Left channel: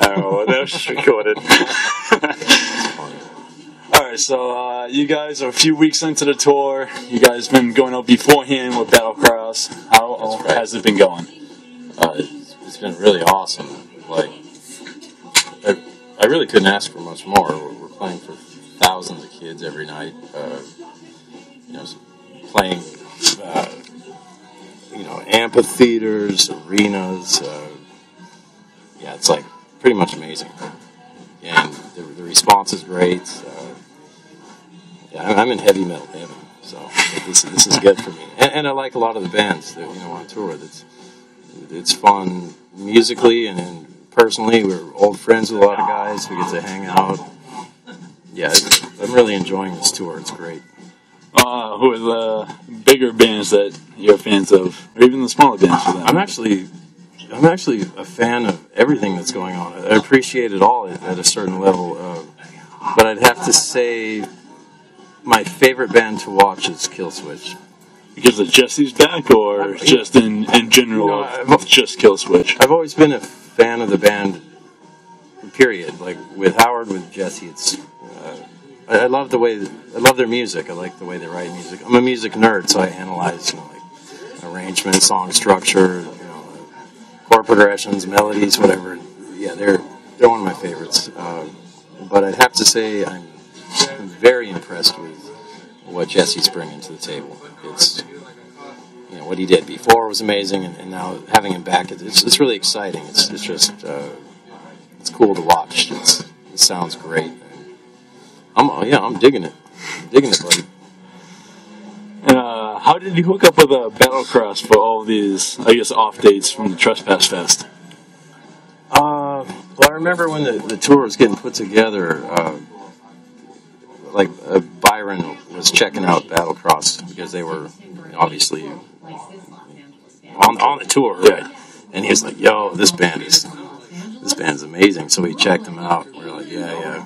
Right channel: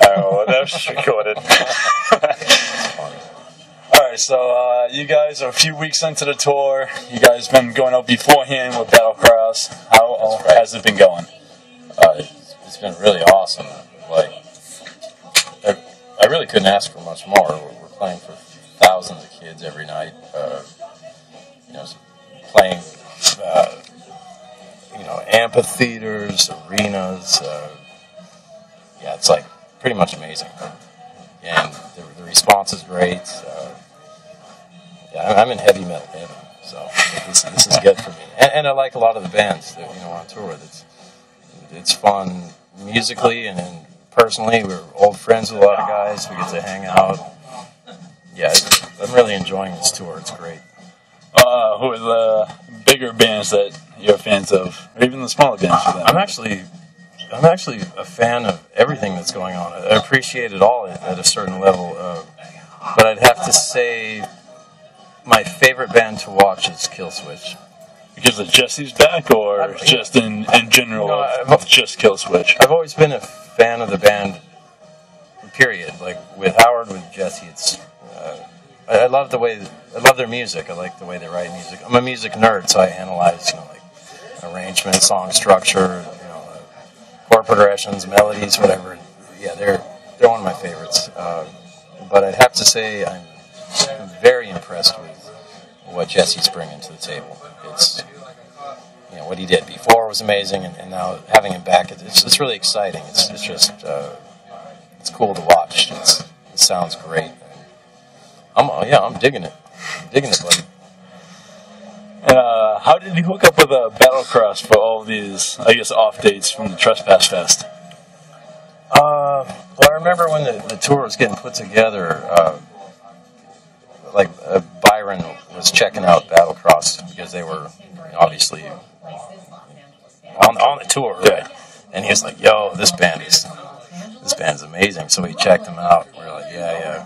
Oh, that was just recorded. Alright, so you guys are a few weeks into the tour. You guys been going out beforehand with Battlecross. How has it been going? It's been really awesome. Like, I really couldn't ask for much more. We're playing for thousands of kids every night. Playing, amphitheaters, arenas. It's like pretty much amazing. And the response is great. I'm in heavy metal heaven, so this is good for me. And I like a lot of the bands that on tour. It's fun musically and personally. We're old friends with a lot of guys. We get to hang out. Yeah, I'm really enjoying this tour. It's great. Who are the bigger bands that you're fans of, or even the smaller bands? I'm actually a fan of everything that's going on. I appreciate it all at a certain level, but I'd have to say my favorite band to watch is Killswitch. Because of Jesse's back, or just in general, just Killswitch? I've always been a fan of the band, period. Like with Howard, with Jesse, it's I love their music. I like the way they write music. I'm a music nerd, so I analyze arrangement, song structure, chord progressions, melodies, whatever. Yeah, they're one of my favorites. But I'd have to say I'm very impressed with what Jesse's bringing to the table. It's what he did before was amazing, and now having him back, it's really exciting. It's just it's cool to watch. It sounds great. I'm digging it. I'm digging it, buddy. And how did you hook up with Battlecross for all these, I guess, off dates from the Trespass Fest? Well, I remember when the tour was getting put together, Byron was checking out Battlecross because they were obviously on the tour, right? And he was like, "Yo, this band's amazing." So we checked them out. We were like, "Yeah,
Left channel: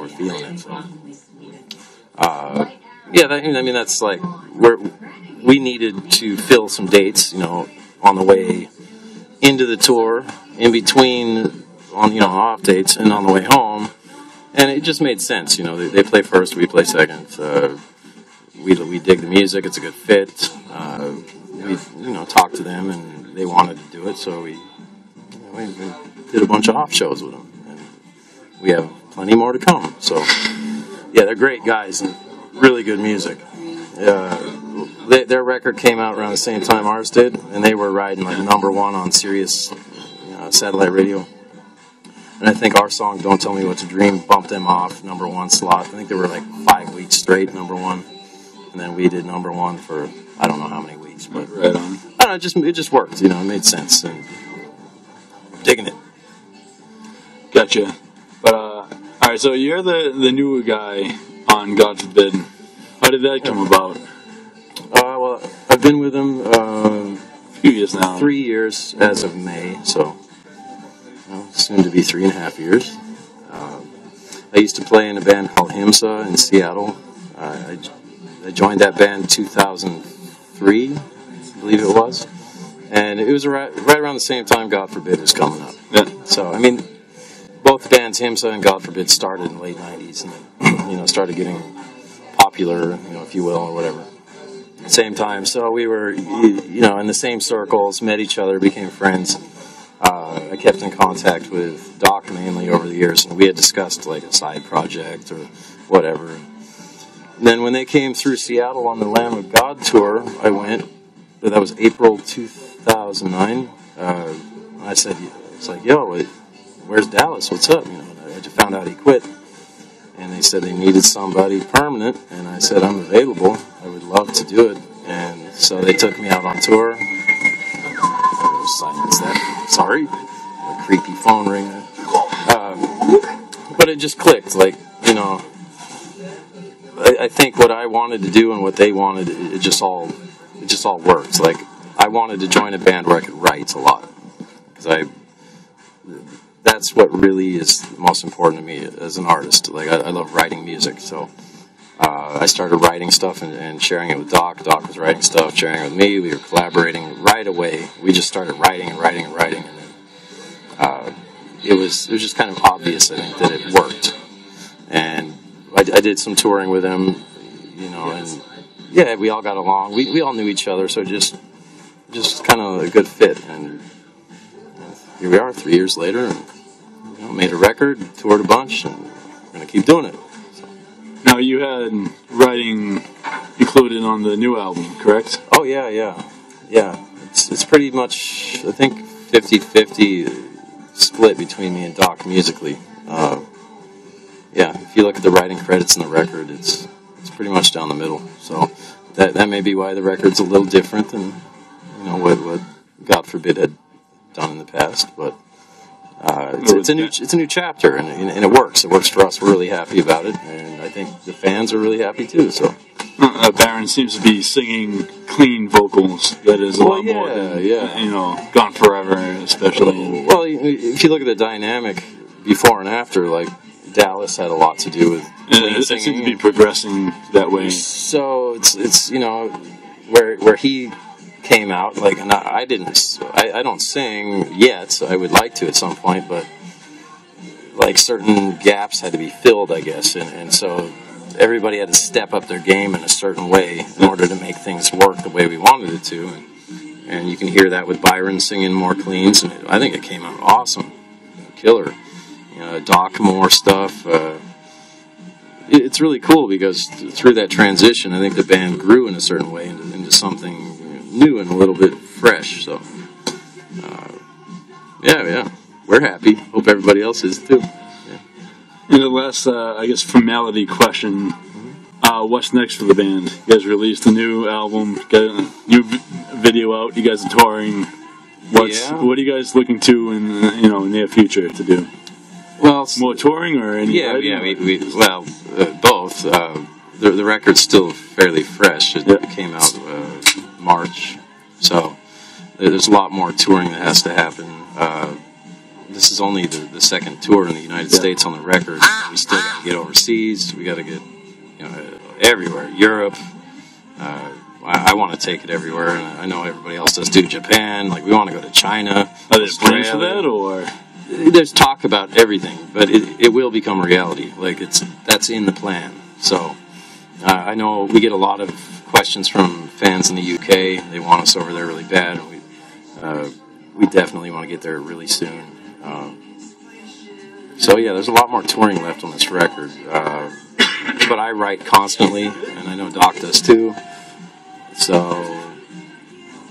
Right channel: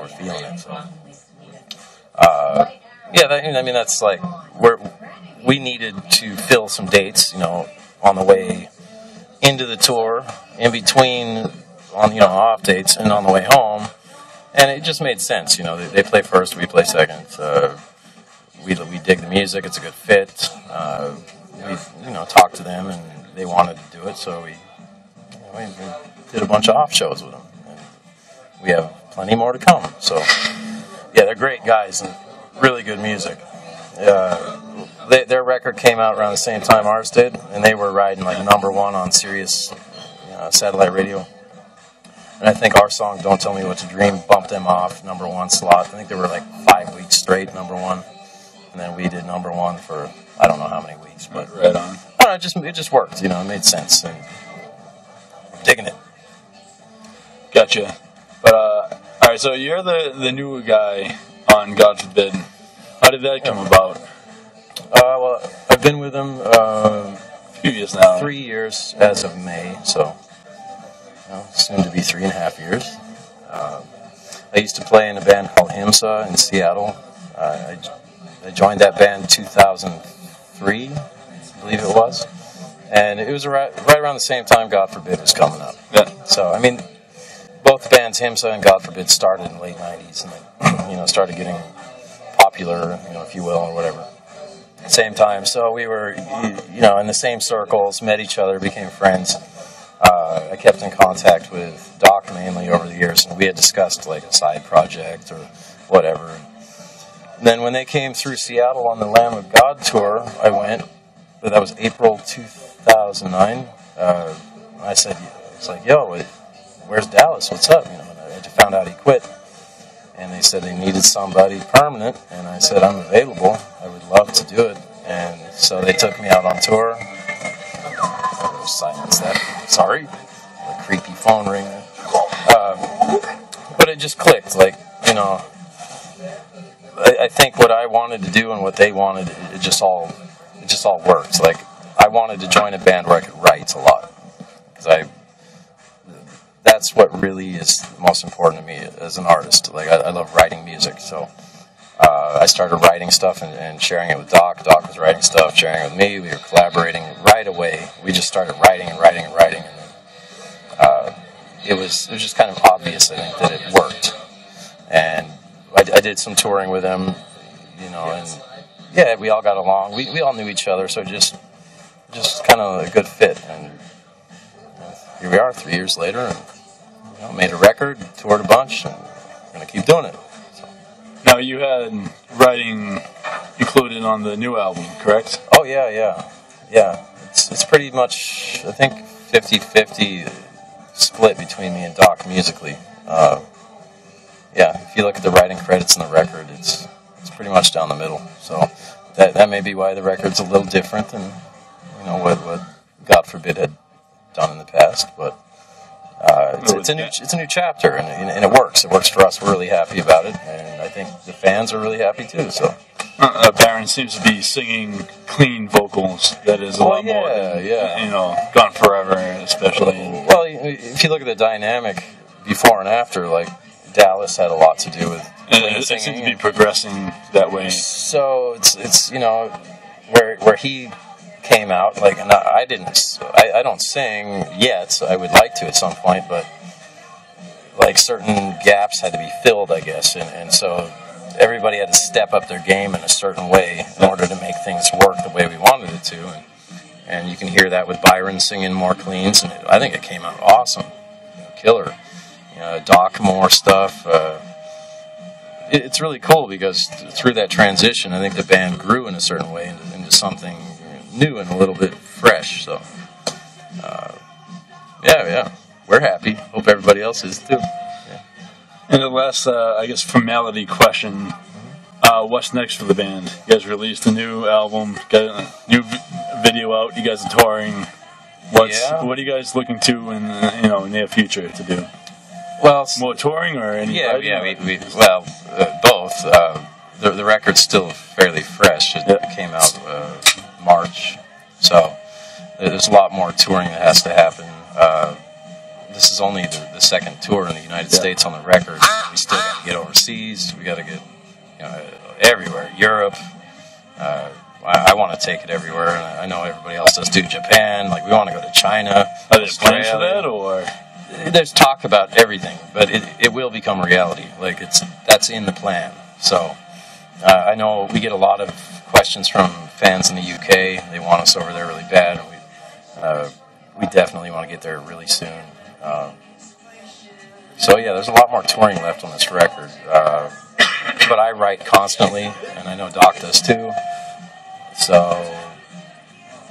we're feeling it." So, that's like we needed to fill some dates, on the way into the tour, in between on off dates, and on the way home. And it just made sense, They play first, we play second. We dig the music; it's a good fit. We talked to them, and they wanted to do it, so we did a bunch of off shows with them, and we have plenty more to come. So, yeah, they're great guys and really good music. Their record came out around the same time ours did, and they were riding like #1 on Sirius satellite radio. And I think our song "Don't Tell Me What to Dream" bumped them off #1 slot. I think they were like 5 weeks straight #1, and then we did #1 for I don't know how many weeks, but right on. I don't know, it just worked. It made sense, and I'm digging it. Gotcha. But all right, so you're the newer guy on God Forbid. How did that come about? Well, I've been with them a few years now. 3 years as of May, so soon to be 3.5 years. I used to play in a band called Himsa in Seattle. I joined that band 2003, I believe it was, and it was right around the same time God Forbid was coming up. Yeah. So both bands, Himsa and God Forbid, started in the late '90s, and then started getting popular, if you will, or whatever. Same time, so we were, in the same circles, met each other, became friends. I kept in contact with Doc mainly over the years, and we had discussed like a side project or whatever. And then when they came through Seattle on the Lamb of God tour, I went. That was April 2009. I said, "It's like, yo, where's Dallas? What's up?" And I just found out he quit. And they said they needed somebody permanent, and I said, "I'm available. I would love to do it." And so they took me out on tour. Silence that. Sorry. A creepy phone ringer. But it just clicked. Like, I think what I wanted to do and what they wanted, it just all worked. Like, I wanted to join a band where I could write a lot. Because that's what really is most important to me as an artist. Like, I love writing music. So I started writing stuff and sharing it with Doc. Doc was writing stuff, sharing it with me. We were collaborating right away. We just started writing and writing and writing, and then it was just kind of obvious, I think, that it worked. And I did some touring with him, and yeah, we all got along. We all knew each other, so just kind of a good fit. And here we are 3 years later, and made a record, toured a bunch, and we're going to keep doing it. So. Now, you had writing included on the new album, correct? Oh, yeah. It's pretty much, I think, 50-50 split between me and Doc musically. Yeah, if you look at the writing credits in the record, it's pretty much down the middle. So that may be why the record's a little different than what God forbid had done in the past. But it's a new chapter, and it works. It works for us. We're really happy about it, and I think the fans are really happy too. So Baron seems to be singing clean vocals. That is a lot more than Gone Forever, especially. Well, if you look at the dynamic before and after, like Dallas had a lot to do with clean it singing. seems to be progressing that way. So it's where he came out, like, and I don't sing yet, so I would like to at some point, but like certain gaps had to be filled, I guess, and so everybody had to step up their game in a certain way in order to make things work the way we wanted it to, and you can hear that with Byron singing more cleans, and I think it came out awesome, killer. Doc more stuff. It's really cool because through that transition, I think the band grew in a certain way into something new and a little bit fresh. So, yeah, we're happy. Hope everybody else is too. Yeah. And the last, I guess, formality question: what's next for the band? You guys released a new album, got a new video out. You guys are touring. What are you guys looking to in near future to do? Well, more touring or any? We both. The record's still fairly fresh. It came out March, so there's a lot more touring that has to happen. This is only the second tour in the United States on the record. We still got to get overseas. We got to get everywhere. Europe. I want to take it everywhere, and I know everybody else does too. Japan. Like, we want to go to China. Are there plans for that, or? There's talk about everything, but it will become reality. Like, that's in the plan. So I know we get a lot of questions from fans in the UK. They want us over there really bad. We definitely want to get there really soon. So yeah, there's a lot more touring left on this record. But I write constantly, and I know Doc does too. So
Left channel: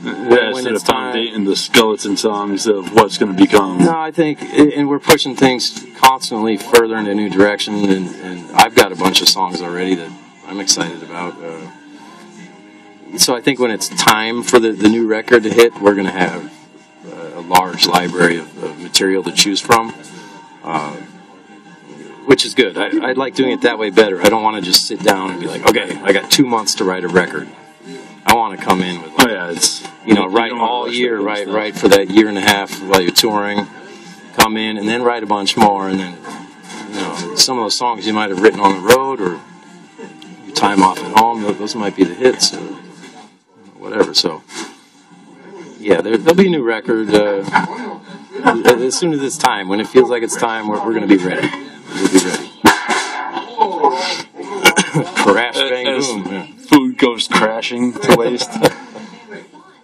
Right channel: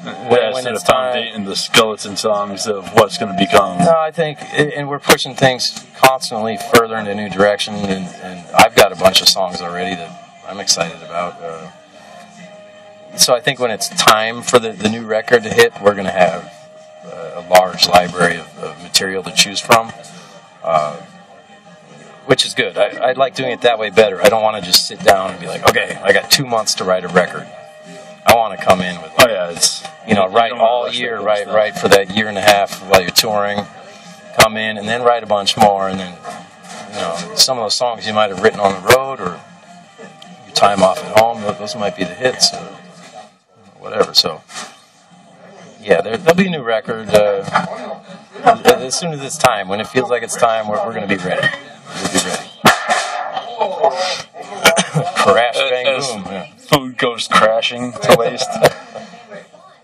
when it's time, and the skeleton songs of what's going to become. No, I think, and we're pushing things constantly further in a new direction, and I've got a bunch of songs already that I'm excited about. So I think when it's time for the new record to hit, we're going to have a large library of material to choose from, which is good. I like doing it that way better. I don't want to just sit down and be like, okay, I got 2 months to write a record. I want to come in with, write all year, write for that year and a half while you're touring, come in and then write a bunch more, and then, some of those songs you might have written on the road or your time off at home, those might be the hits or whatever. So, yeah, there'll be a new record as soon as it's time. When it feels like it's time, we're going to be ready. We'll be ready. Crash, bang, boom. Yeah. Food goes crashing to waste.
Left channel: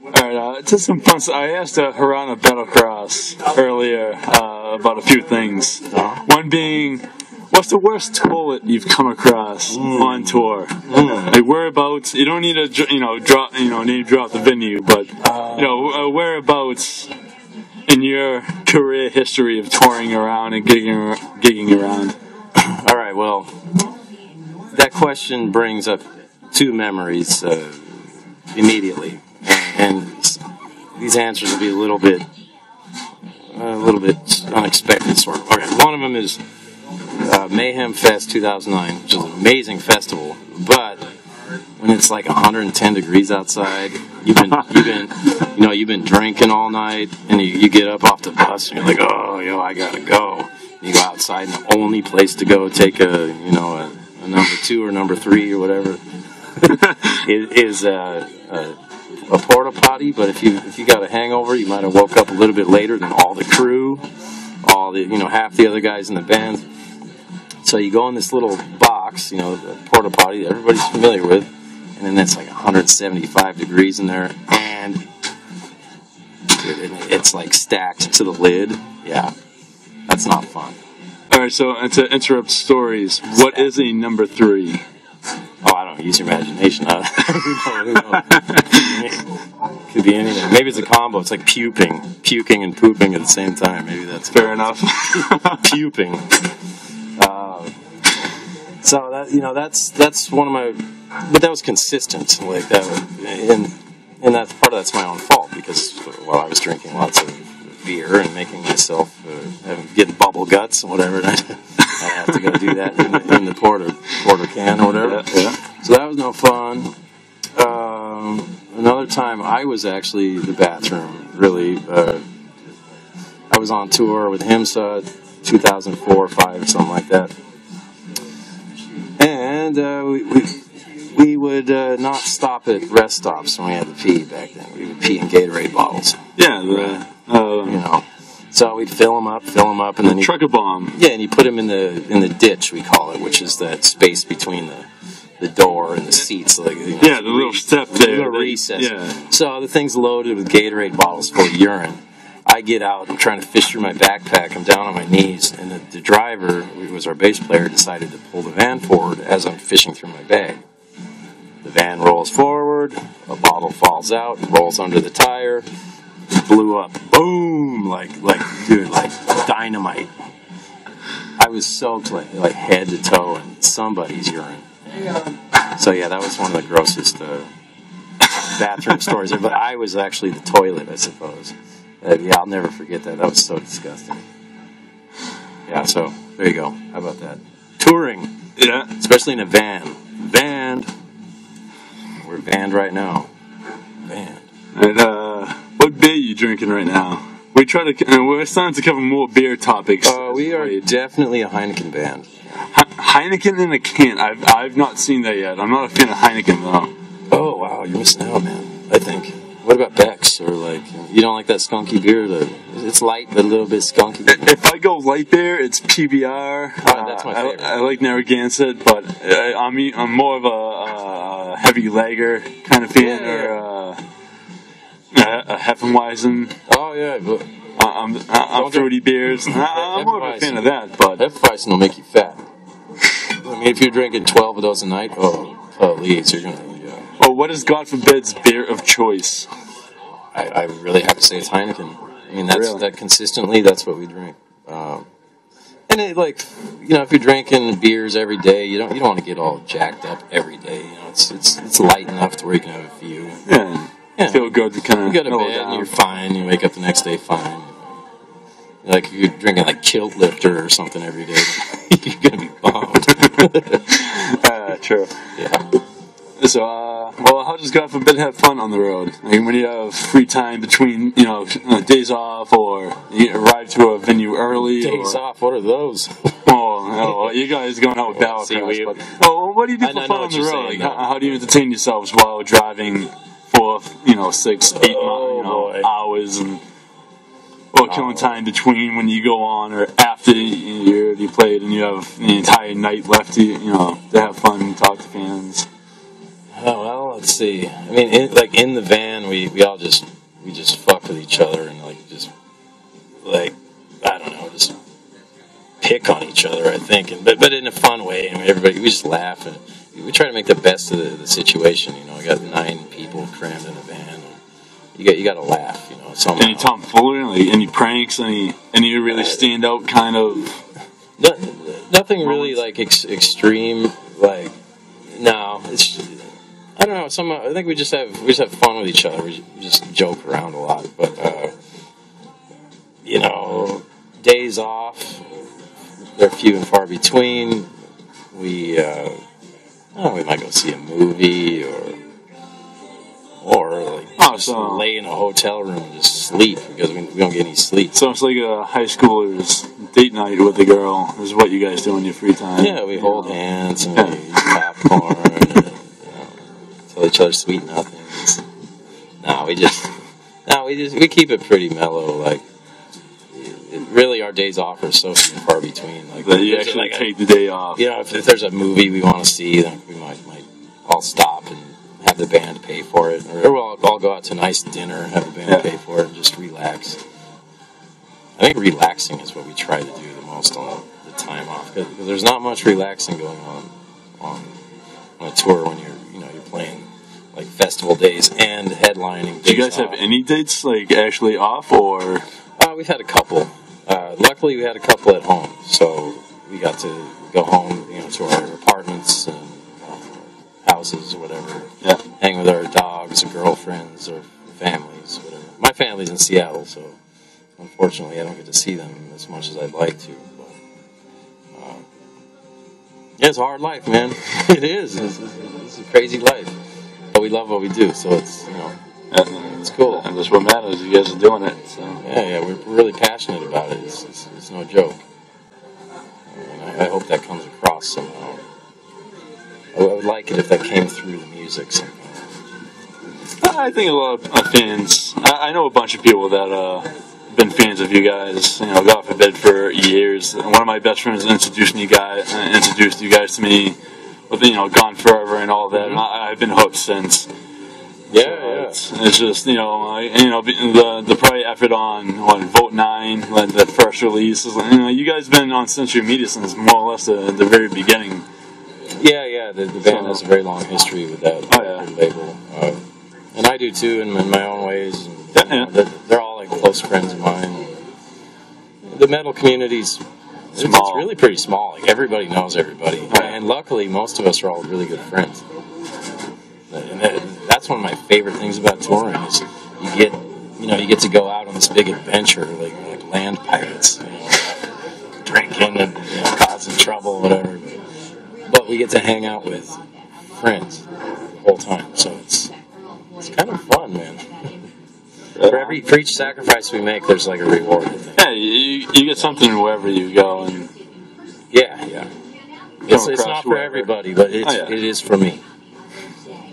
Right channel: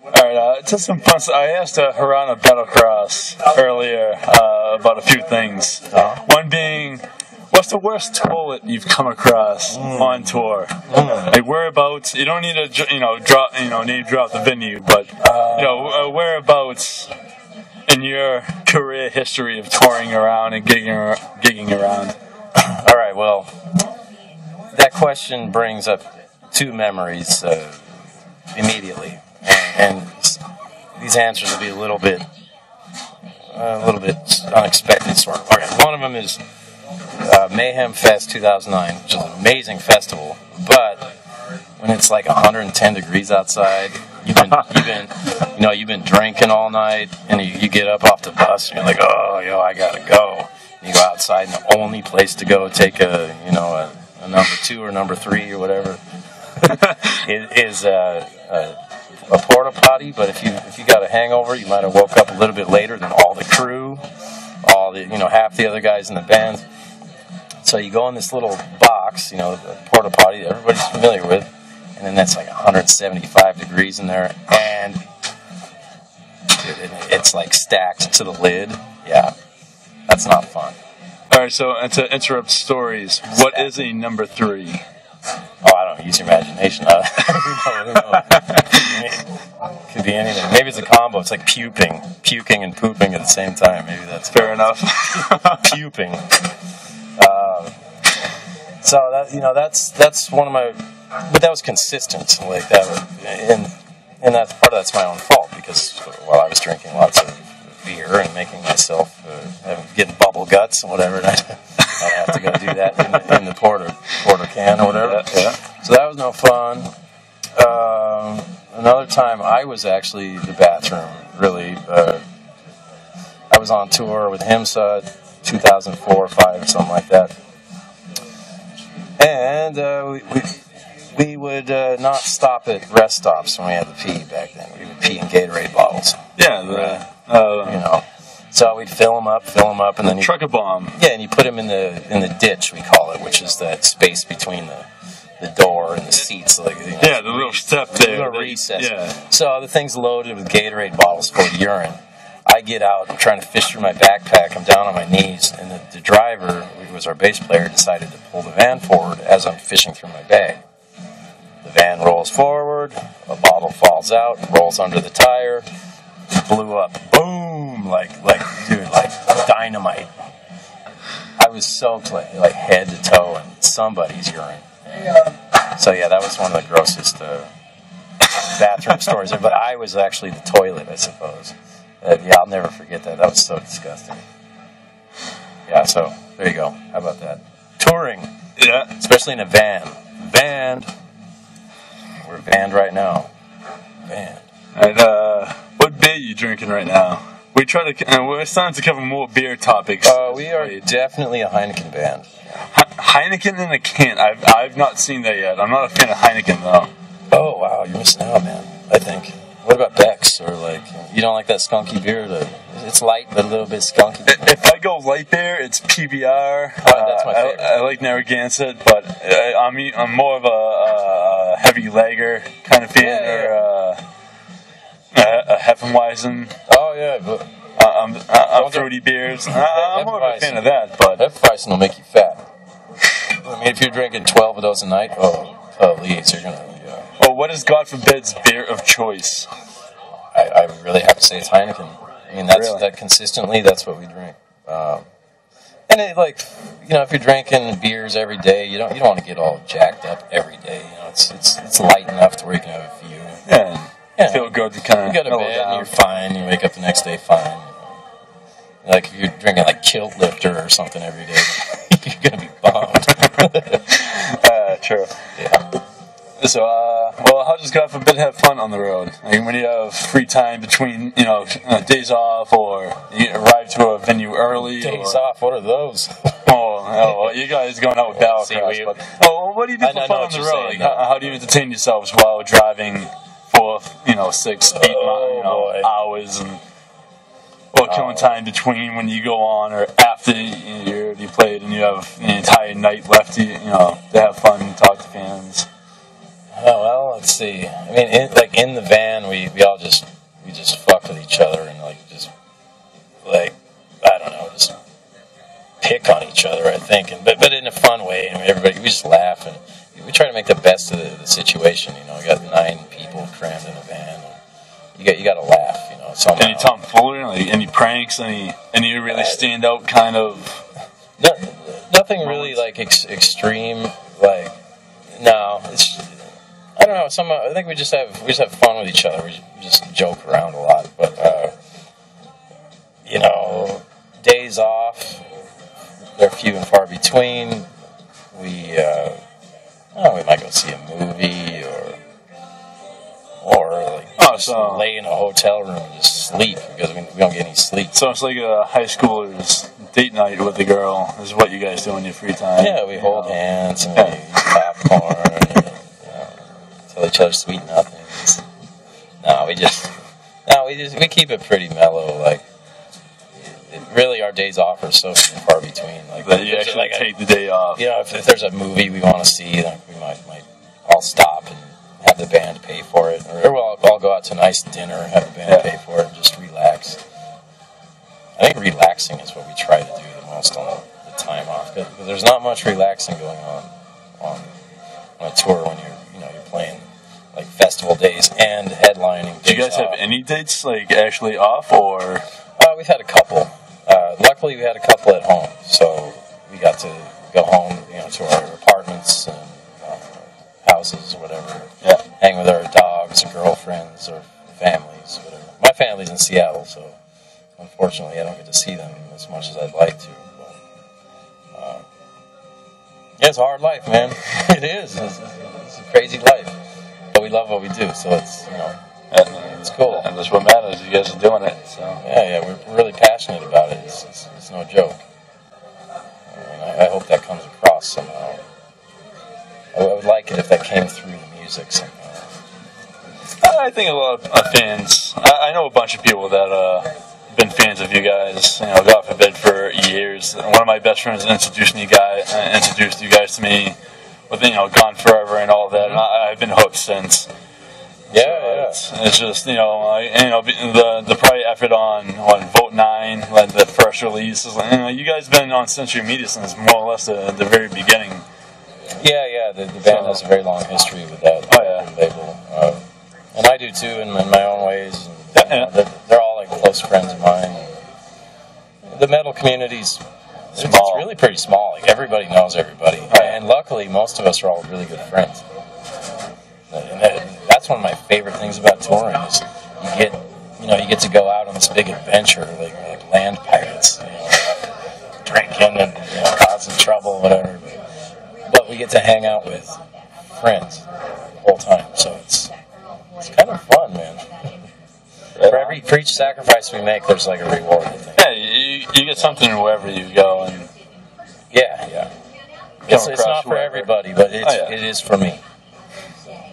Alright, just some fun stuff. I asked Harana Battlecross earlier about a few things. One being, what's the worst toilet you've come across on tour? Like, whereabouts? You don't need to, name drop the venue, but whereabouts in your career history of touring around and gigging around? All right, well, that question brings up two memories immediately, and these answers will be a little bit unexpected, sort of. Okay, one of them is Mayhem Fest 2009, which is an amazing festival, but when it's like 110 degrees outside, you've been drinking all night, and you get up off the bus, and you're like, I gotta go. And you go outside, and the only place to go take a a number 2 or number 3 or whatever, is a porta potty. But if you got a hangover, you might have woke up a little bit later than all the crew, all the half the other guys in the band. So you go in this little box, the porta potty that everybody's familiar with, and then that's like 175 degrees in there, and it's like stacked to the lid. Yeah, that's not fun. All right, so and to interrupt stories, what is a number 3? Oh, I don't know. Use your imagination. Who knows? Could be anything. Maybe it's a combo. It's like puking and pooping at the same time. Maybe that's fair enough. Puping. So that's one of my, but that was consistent like that, and that's that's my own fault because while I was drinking lots of beer and making myself getting bubble guts and whatever, and I have to go do that in the porter can or whatever. Yeah. So that was no fun. Another time I was actually the bathroom. Really, I was on tour with HIMSA, 2004 or 5, something like that. And we would not stop at rest stops when we had to pee back then. We would pee in Gatorade bottles. Yeah, So we'd fill them up, and then truck a bomb. Yeah, and you put them in the ditch, we call it, which is that space between the door and the seats. Like the little step there, the little recess. Yeah. So the thing's loaded with Gatorade bottles full of urine. I get out, I'm trying to fish through my backpack, I'm down on my knees, and the driver, who was our bass player, decided to pull the van forward as I'm fishing through my bag. The van rolls forward, a bottle falls out, rolls under the tire, blew up, boom, like dynamite. I was soaked like head to toe in somebody's urine. So yeah, that was one of the grossest bathroom stories. But I was actually the toilet, I suppose. I'll never forget that. That was so disgusting. Yeah, so there you go. How about that? Touring. Yeah. Especially in a van. Vanned. We're vanned right now. Vanned. And what beer are you drinking right now? We're starting to cover more beer topics. We are definitely a Heineken band. Heineken in a can. I've not seen that yet. I'm not a fan of Heineken though. Oh wow, you're missing out, man. I think. What about Beck's, or you don't like that skunky beer? It's light but a little bit skunky. If I go light beer, it's PBR. That's my favorite. I like Narragansett, but I'm more of a heavy lager kind of fan, or a Hefeweizen. Oh yeah, but I'm fruity beers. I'm more of a fan of that, but Hefeweizen will make you fat. I mean, if you're drinking 12 of those a night, please, you're gonna. Well, what is God forbid's beer of choice? I really have to say it's Heineken. I mean, that consistently, that's what we drink. And it, if you're drinking beers every day, you don't want to get all jacked up every day. It's light enough to where you can have a few. Yeah. Feel good to kind of. You go to bed and you're fine. You wake up the next day fine. Like if you're drinking Kilt Lifter or something every day, you're gonna be bummed. True. Yeah. So, how does God forbid have fun on the road? I mean, when you have free time between, days off, or you arrive to a venue early. Days off? What are those? You guys going out with Battlecross. What do you do for fun on the road? How do you entertain yourselves while driving for 6, 8 hours or killing time between when you go on or after you already played and you have the entire night left to have fun and talk to fans? Oh well, let's see. I mean, in the van, we all just fuck with each other and I don't know, just pick on each other. I think, but in a fun way. And we just laugh and we try to make the best of the situation. We got 9 people crammed in a van. And you got to laugh. Somehow. Any tomfoolery, any pranks, any really stand out kind of. Nothing really extreme. No, it's. I don't know. I think we just have fun with each other. We just joke around a lot, but days off, they're few and far between. We might go see a movie or lay in a hotel room and just sleep because we don't get any sleep. So it's like a high schooler's date night with the girl is what you guys do in your free time. Yeah, we hold hands and we eat popcorn and tell each other sweet nothings. We keep it pretty mellow. Like, really, our days off are so far between. Like, that you actually take the day off. If there's a movie we want to see, then we might all stop and have the band pay for it, or we'll all go out to a nice dinner, have the band pay for it, and just relax. I think relaxing is what we try to do the most on the time off, because there's not much relaxing going on a tour when you're playing like festival days and headlining. Do you guys have any dates like actually off, or? We've had a couple. Luckily, we had a couple at home, so we got to go home, to our apartments and houses or whatever. Yeah. Hang with our dogs or girlfriends or families, whatever. My family's in Seattle, so unfortunately I don't get to see them as much as I'd like to. But, it's a hard life, man. It is. It's a crazy life. But we love what we do, so it's, it's cool. And that's what matters. You guys are doing it. So. Yeah, we're really passionate about it. It's no joke. And I hope that comes across somehow. I would like it if that came through the music somehow. I think a lot of fans. I know a bunch of people that have been fans of you guys. God forbid, for years. One of my best friends introduced you guys to me with Gone Forever and all that, and I've been hooked since. Yeah. It's just the probably effort on Vote 9, like the first release. You guys have been on Century Media since more or less the very beginning. Yeah. The band has a very long history with that label, and I do too in my own ways. And, they're all like close friends of mine. The metal community's it's really pretty small. Like, everybody knows everybody, and luckily most of us are all really good friends. And that's one of my favorite things about touring is you get to go out on this big adventure like land pirates, drinking and causing trouble, whatever. But we get to hang out with friends the whole time, so it's kind of fun, man. For each sacrifice we make, there's like a reward, I think. Yeah, you get something wherever you go, and yeah. It's not for everybody, but it is for me.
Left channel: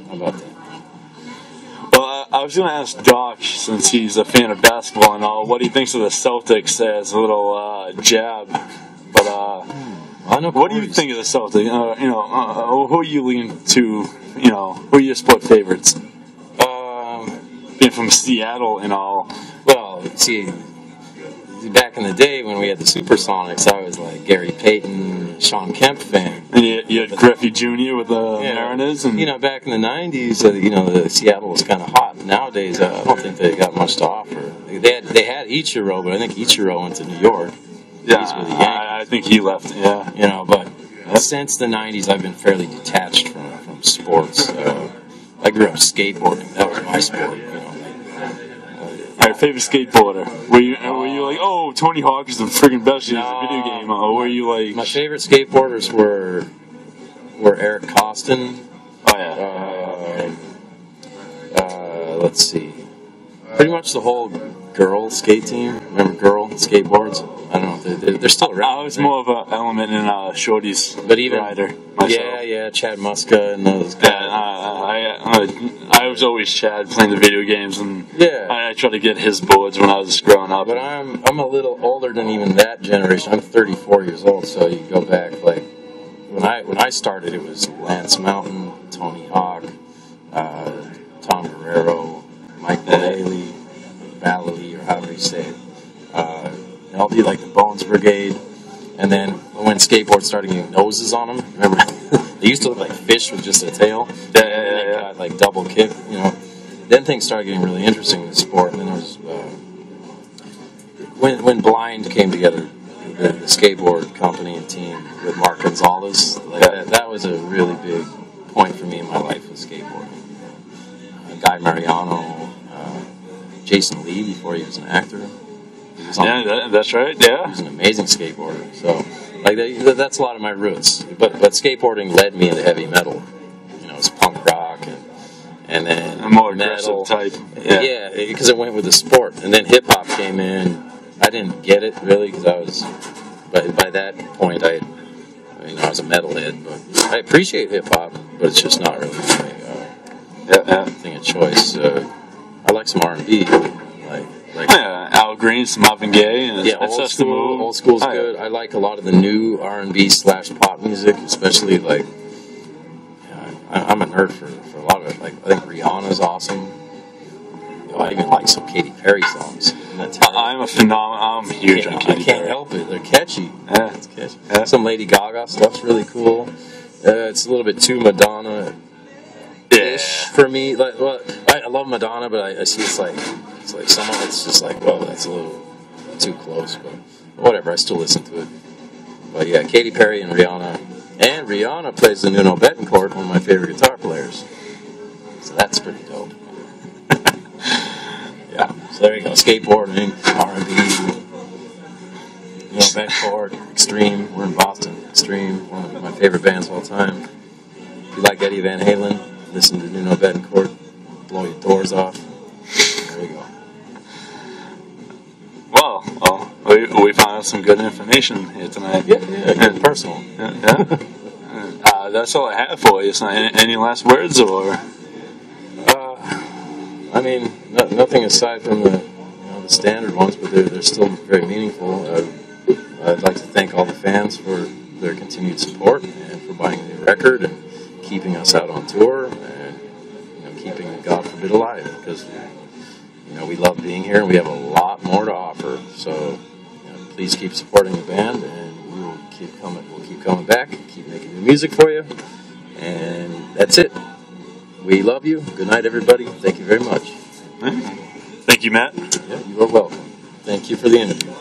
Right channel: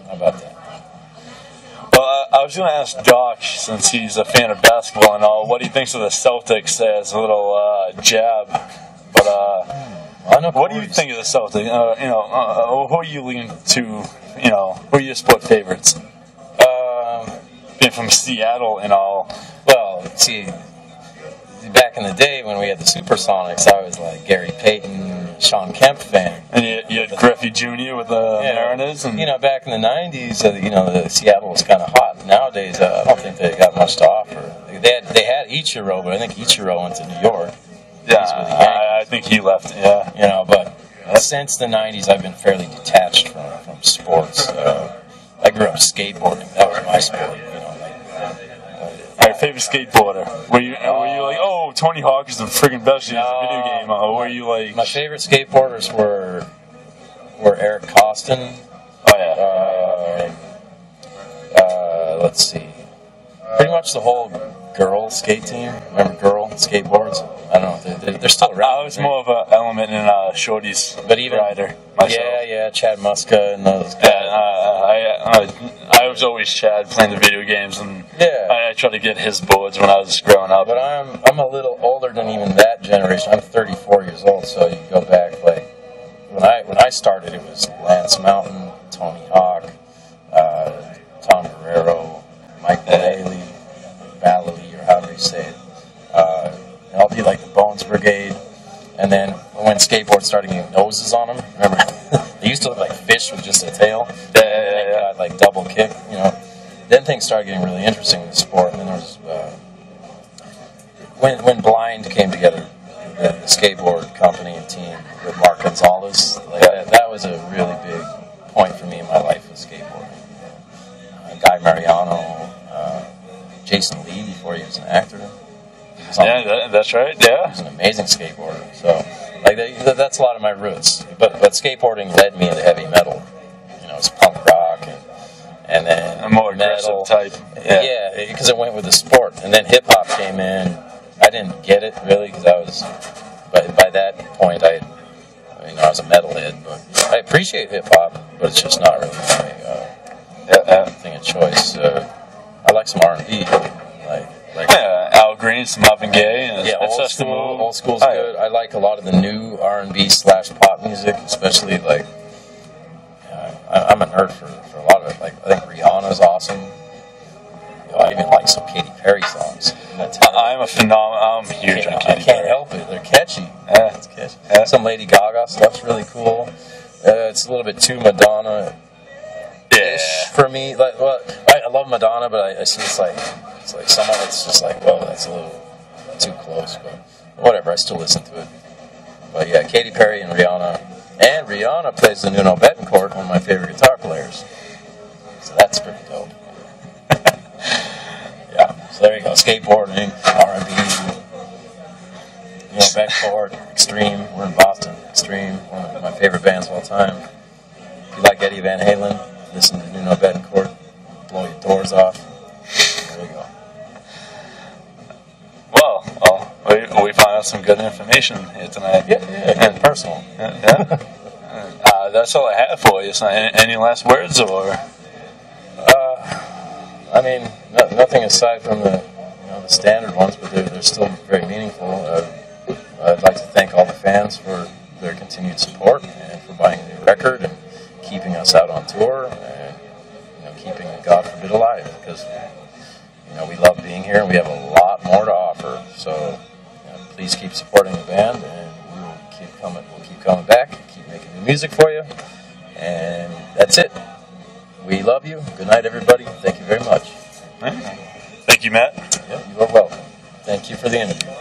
How about that? Well, I was going to ask Doc, since he's a fan of basketball and all, what he thinks of the Celtics as a little jab. But what do you think of the Celtics? Who are you leaning to? Who are your sport favorites? Being from Seattle and all. Well, see, back in the day when we had the Supersonics, I was like Gary Payton, Sean Kemp fan. And you had Griffey Jr. with the Mariners. And back in the 90s, the Seattle was kind of hot. Nowadays, I don't think they got much to offer. They had Ichiro, but I think Ichiro went to New York. Yeah, I think he left, yeah. But since the 90s, I've been fairly detached from sports. I grew up skateboarding. That was my sport, All right, favorite skateboarder? Were you like, oh, Tony Hawk is the friggin' best in a video game? Or were you like... My favorite skateboarders were Eric Costin. Oh, yeah. Let's see. Pretty much the whole girl skate team. Remember girl skateboards? I don't know. They're still around. I was more of an element in Shorty's rider myself. Yeah, Chad Muska and those guys. I was always Chad playing the video games, and yeah. I tried to get his boards when I was growing up. But I'm a little older than even that generation. I'm 34 years old, so you go back like when I started, it was Lance Mountain, Tony Hawk, Tom Guerrero, Mike Vallely, or however you say it. I'll do like the Bones Brigade, and then when skateboards started getting noses on them, remember they used to look like fish with just a tail. They got like double kick, Then things started getting really interesting in the sport, and then there was when Blind came together, the skateboard company and team with Mark Gonzalez. That was a really big point for me in my life with skateboarding. Guy Mariano, Jason Lee before he was an actor. That's right. Yeah, he was an amazing skateboarder. So, that's a lot of my roots. But skateboarding led me into heavy metal. It's punk rock and then a more aggressive type. Yeah, because it went with the sport. And then hip hop came in. I didn't get it really because I was by that point, I was a metalhead, but I appreciate hip hop, but it's just not really my thing of choice. I like some R&B, like Al Green, some Marvin Gaye, and old school's good. I like a lot of the new R&B / pop music, especially like. I'm a nerd for a lot of it. Like I think Rihanna's awesome. I even like some Katy Perry songs. I'm huge on Katy Perry. I can't help it. They're catchy. Yeah. It's catchy. Yeah. Some Lady Gaga stuff's really cool. It's a little bit too Madonna-ish for me. Like, well, I love Madonna, but I see it's like some of it's just like, well, that's a little too close. But whatever, I still listen to it. But yeah, Katy Perry and Rihanna. And Rihanna plays the Nuno Betancourt, one of my favorite guitar players. So that's pretty dope. Yeah, so there you go. Skateboarding, R&B, Nuno Betancourt, Extreme. We're in Boston. Extreme, one of my favorite bands of all time. If you like Eddie Van Halen, listen to Nuno Betancourt. Blow your doors off. There you go. Well, we found out some good information here tonight. Yeah, and personal. Yeah. That's all I have for you. So any last words, or? I mean, nothing aside from the standard ones, but they're still very meaningful. I'd like to thank all the fans for their continued support and for buying the new record and keeping us out on tour and keeping God forbid alive, because we love being here and we have a lot more to offer. So please keep supporting the band, and we'll keep coming. We'll keep coming back, keep making new music for you, and that's it. We love you. Good night, everybody. Thank you very much. Thank you, Matt. Yeah, you are welcome. Thank you for the interview.